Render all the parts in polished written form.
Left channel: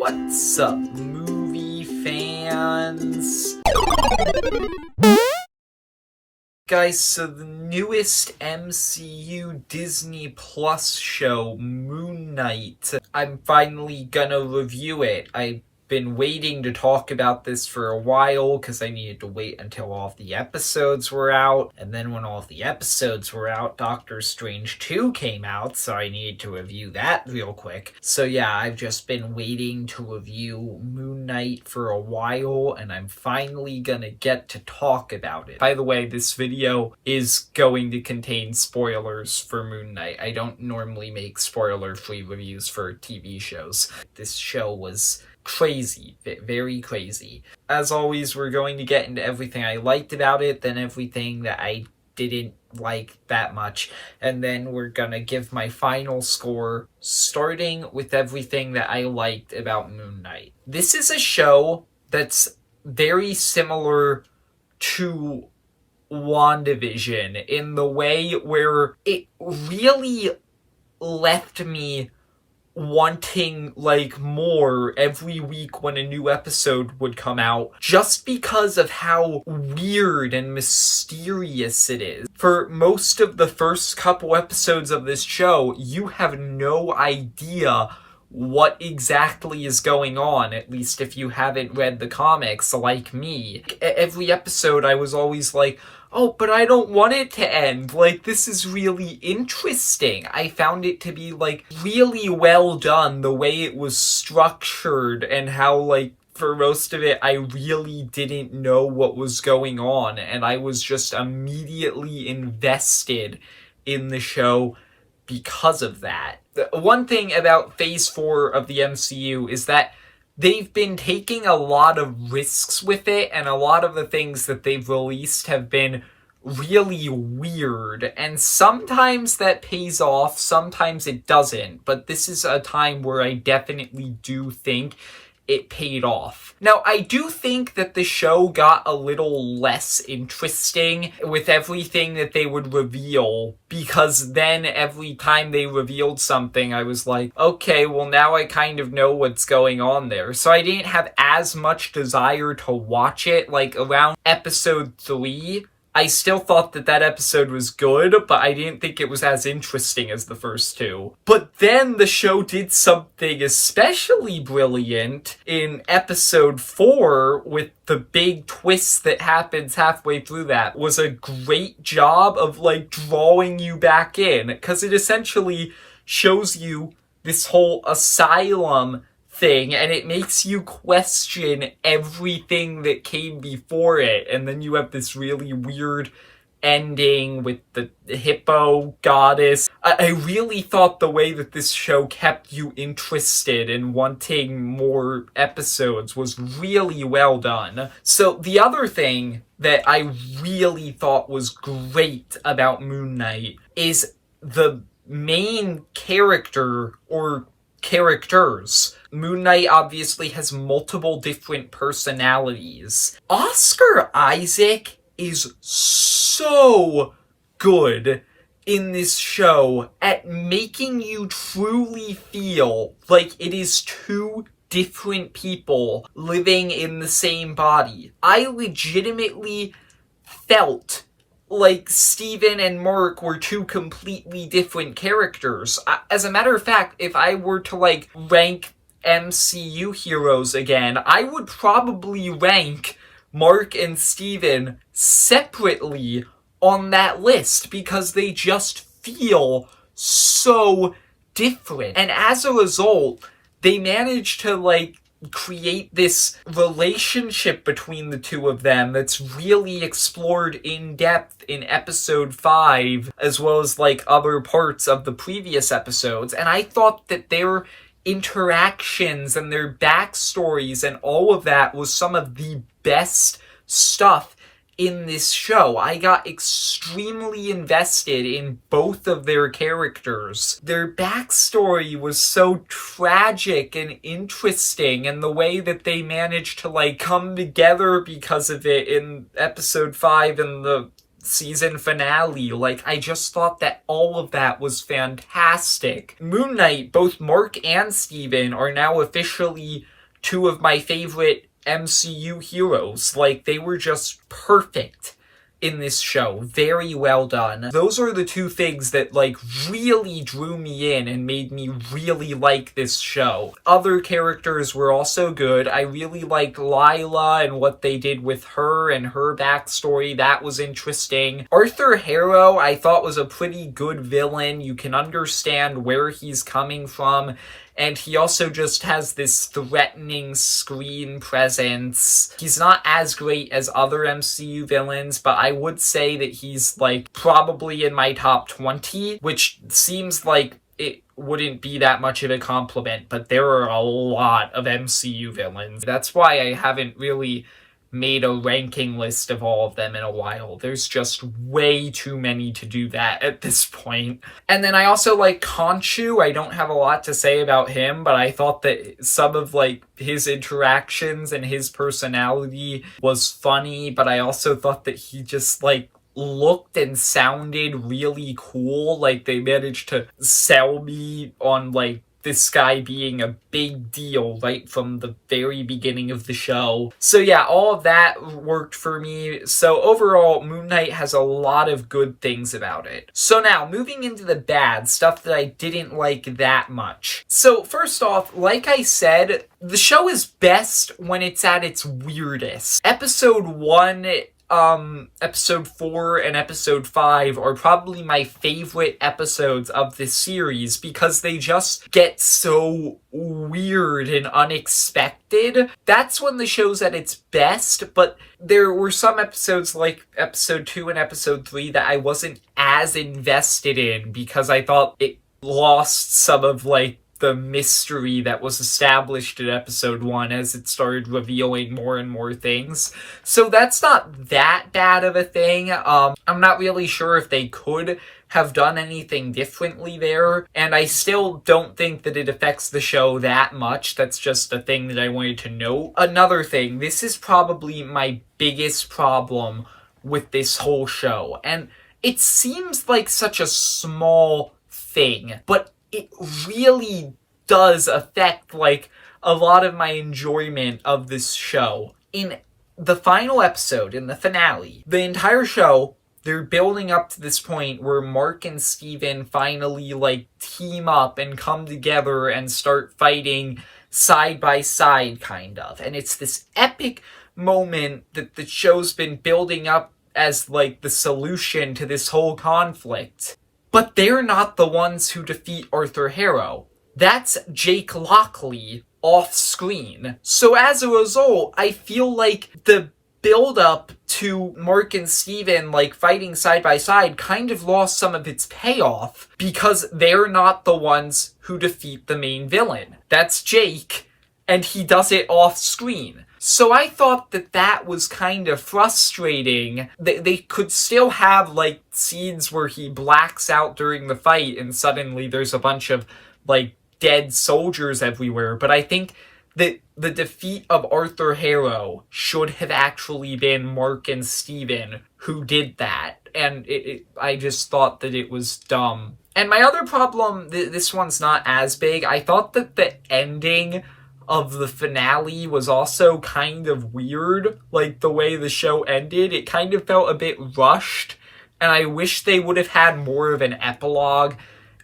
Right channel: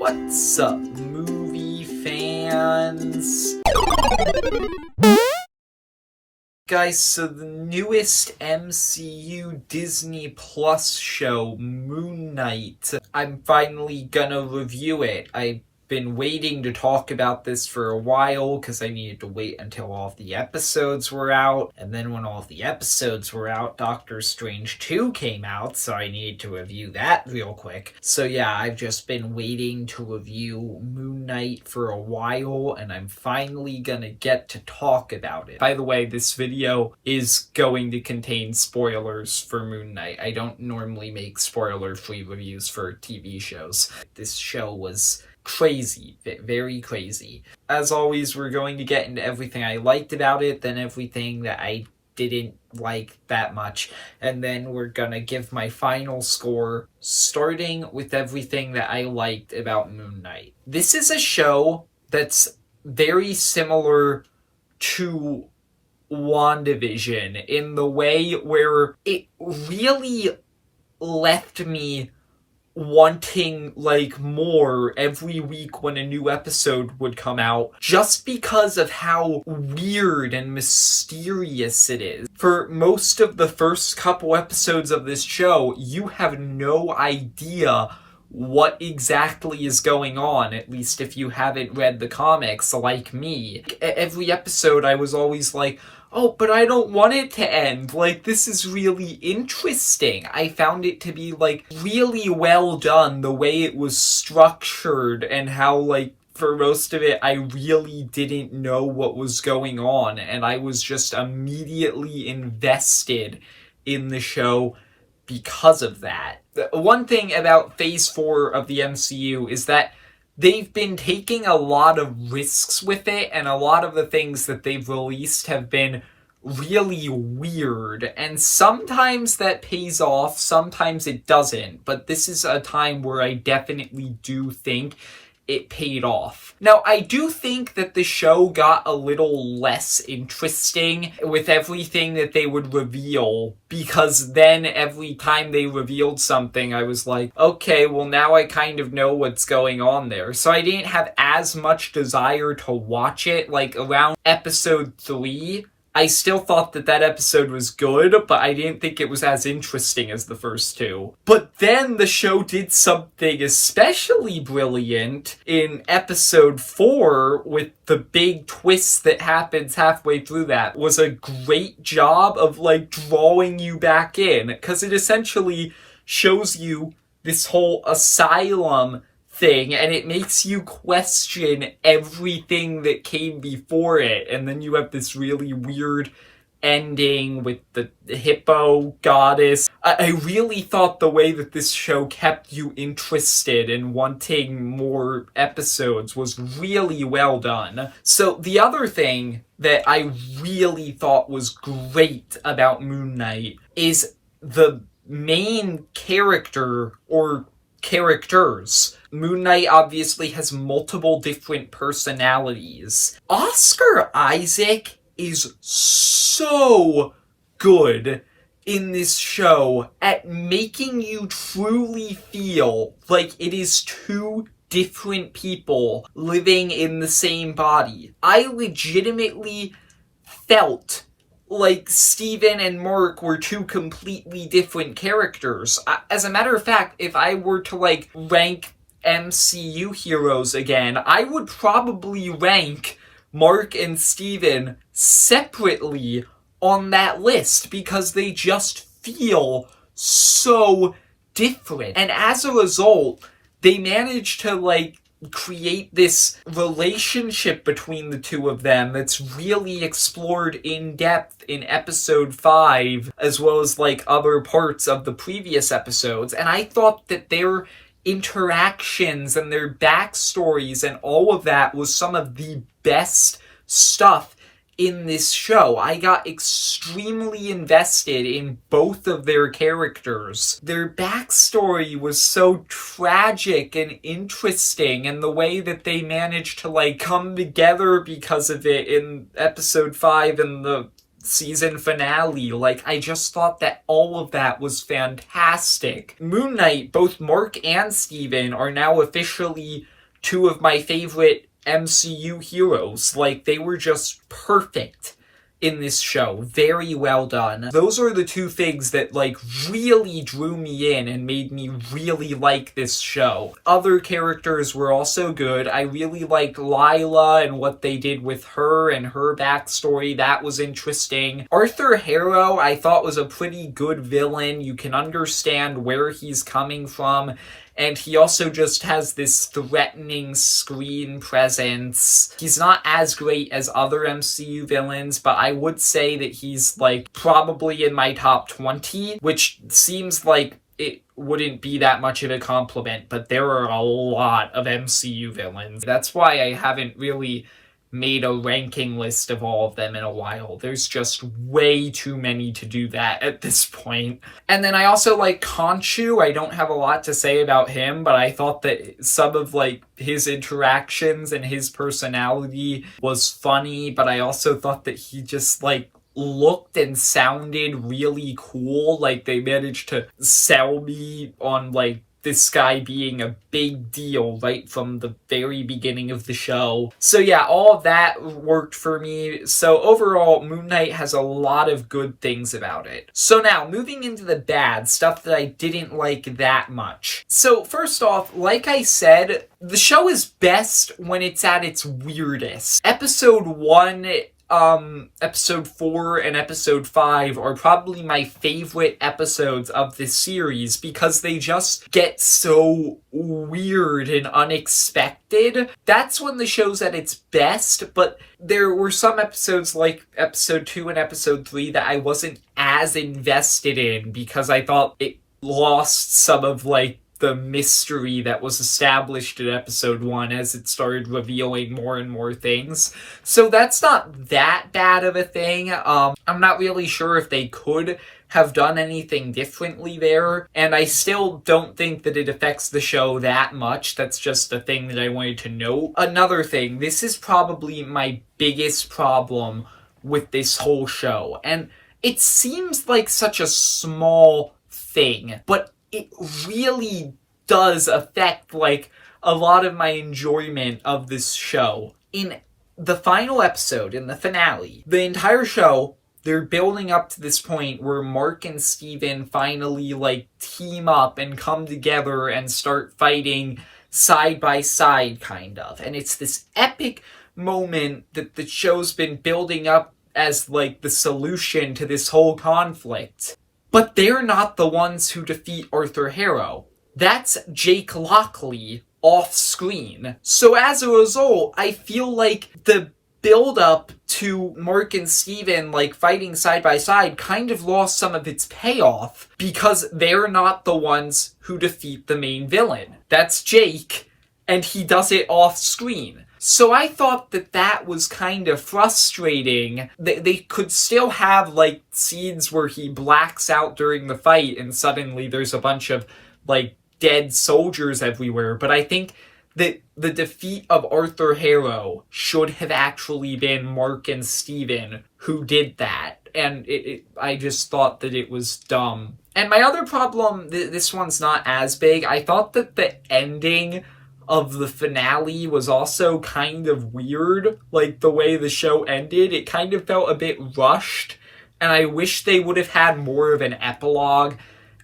What's up, movie fans? Guys, so the newest MCU Disney Plus show, Moon Knight, I'm finally gonna review it. I've been waiting to talk about this for a while because I needed to wait until all of the episodes were out, and then when all of the episodes were out, Doctor Strange 2 came out, so I needed to review that real quick. So yeah, I've just been waiting to review Moon Knight for a while, and I'm finally gonna get to talk about it. By the way, this video is going to contain spoilers for Moon Knight. I don't normally make spoiler-free reviews for TV shows. This show was crazy, very crazy. As always, we're going to get into everything I liked about it, then everything that I didn't like that much, and then we're gonna give my final score, starting with everything that I liked about Moon Knight. This is a show that's very similar to WandaVision in the way where it really left me wanting more every week when a new episode would come out, just because of how weird and mysterious it is. For most of the first couple episodes of this show, you have no idea what exactly is going on, at least if you haven't read the comics like me. Every episode I was always like, oh, but I don't want it to end. This is really interesting. I found it to be, really well done, the way it was structured, and how, for most of it, I really didn't know what was going on, and I was just immediately invested in the show because of that. One thing about Phase 4 of the MCU is that they've been taking a lot of risks with it, and a lot of the things that they've released have been really weird, and sometimes that pays off, sometimes it doesn't, but this is a time where I definitely do think it paid off. Now, I do think that the show got a little less interesting with everything that they would reveal, because then every time they revealed something, I was like, okay, well now I kind of know what's going on there. So I didn't have as much desire to watch it. Around episode 3, I still thought that episode was good, but I didn't think it was as interesting as the first two. But then the show did something especially brilliant in episode 4 with the big twist that happens halfway through that. Was a great job of drawing you back in, because it essentially shows you this whole asylum thing, and it makes you question everything that came before it, and then you have this really weird ending with the hippo goddess. I really thought the way that this show kept you interested and wanting more episodes was really well done. So the other thing that I really thought was great about Moon Knight is the main character, or characters. Moon Knight obviously has multiple different personalities. Oscar Isaac is so good in this show at making you truly feel like it is two different people living in the same body. I legitimately felt like Steven and Mark were two completely different characters. As a matter of fact, if I were to rank MCU heroes again, I would probably rank Mark and Steven separately on that list, because they just feel so different. And as a result, they managed to create this relationship between the two of them that's really explored in depth in episode 5, as well as other parts of the previous episodes. And I thought that their interactions and their backstories and all of that was some of the best stuff in this show. I got extremely invested in both of their characters. Their backstory was so tragic and interesting, and the way that they managed to come together because of it in episode 5 and the season finale. Like, I just thought that all of that was fantastic. Moon Knight, both Mark and Steven are now officially two of my favorite MCU heroes. Like, they were just perfect in this show. Very well done. Those are the two things that, like, really drew me in and made me really like this show. Other characters were also good. I really liked Lila and what they did with her and her backstory. That was interesting. Arthur Harrow, I thought, was a pretty good villain. You can understand where he's coming from. And he also just has this threatening screen presence. He's not as great as other MCU villains, but I would say that he's, like, probably in my top 20, which seems like it wouldn't be that much of a compliment, but there are a lot of MCU villains. That's why I haven't really made a ranking list of all of them in a while. There's just way too many to do that at this point. And then I also like Khonshu. I don't have a lot to say about him, but I thought that some of, like, his interactions and his personality was funny, but I also thought that he just, like, looked and sounded really cool. Like, they managed to sell me on, like, this guy being a big deal right from the very beginning of the show. So yeah, all of that worked for me. So overall, Moon Knight has a lot of good things about it. So now, moving into the bad, stuff that I didn't like that much. So first off, like I said, the show is best when it's at its weirdest. Episode 1... episode 4 and episode 5 are probably my favorite episodes of this series because they just get so weird and unexpected. That's when the show's at its best, but there were some episodes like episode 2 and episode 3 that I wasn't as invested in because I thought it lost some of, like, the mystery that was established in episode 1 as it started revealing more and more things. So that's not that bad of a thing. I'm not really sure if they could have done anything differently there, and I still don't think that it affects the show that much. That's just a thing that I wanted to note. Another thing, this is probably my biggest problem with this whole show, and it seems like such a small thing, but it really does affect, like, a lot of my enjoyment of this show. In the final episode, in the finale, the entire show, they're building up to this point where Mark and Steven finally, like, team up and come together and start fighting side by side, kind of. And it's this epic moment that the show's been building up as, like, the solution to this whole conflict. But they're not the ones who defeat Arthur Harrow. That's Jake Lockley off screen. So as a result, I feel like the build-up to Mark and Steven, like, fighting side by side kind of lost some of its payoff because they're not the ones who defeat the main villain. That's Jake, and he does it off screen. So I thought that that was kind of frustrating. They could still have, like, scenes where he blacks out during the fight and suddenly there's a bunch of, like, dead soldiers everywhere. But I think that the defeat of Arthur Harrow should have actually been Mark and Steven who did that. And I just thought that it was dumb. And my other problem, this one's not as big. I thought that the ending of the finale was also kind of weird. Like, the way the show ended, it kind of felt a bit rushed, and I wish they would have had more of an epilogue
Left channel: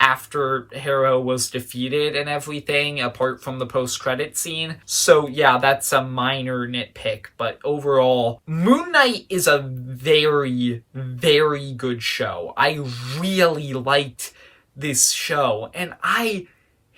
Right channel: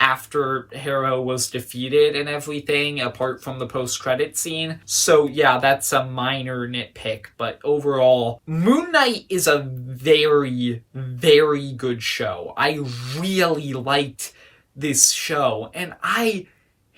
after Harrow was defeated and everything, apart from the post-credit scene. So yeah, that's a minor nitpick, but overall, Moon Knight is a very, very good show. I really liked this show, and I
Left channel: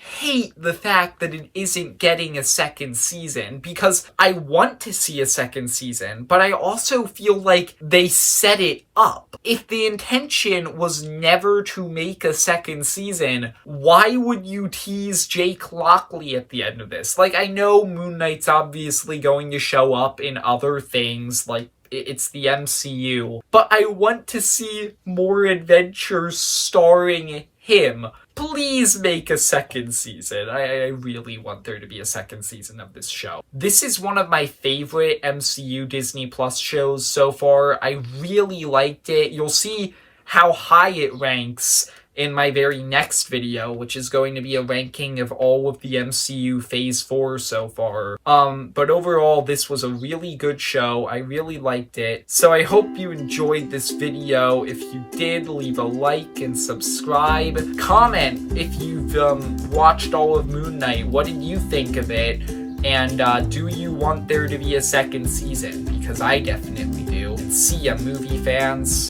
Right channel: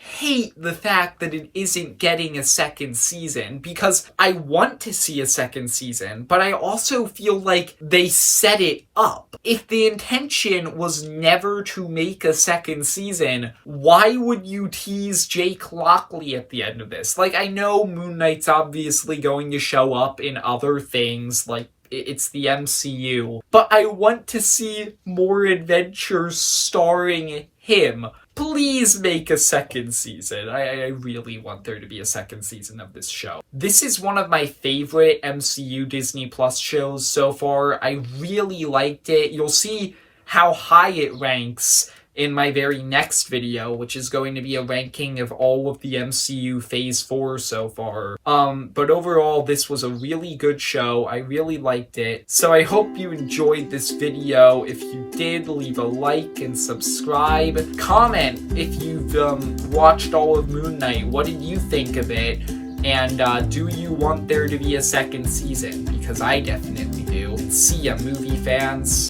hate the fact that it isn't getting a second season, because I want to see a second season, but I also feel like they set it up. If the intention was never to make a second season, why would you tease Jake Lockley at the end of this? Like, I know Moon Knight's obviously going to show up in other things, like It's the MCU. But I want to see more adventures starring him. Please make a second season. I really want there to be a second season of this show. This is one of my favorite MCU Disney Plus shows so far. I really liked it. You'll see how high it ranks in my very next video, which is going to be a ranking of all of the MCU Phase 4 so far. But overall, this was a really good show. I really liked it. So I hope you enjoyed this video. If you did, leave a like and subscribe. Comment if you've watched all of Moon Knight. What did you think of it? And do you want there to be a second season? Because I definitely do. See ya, movie fans.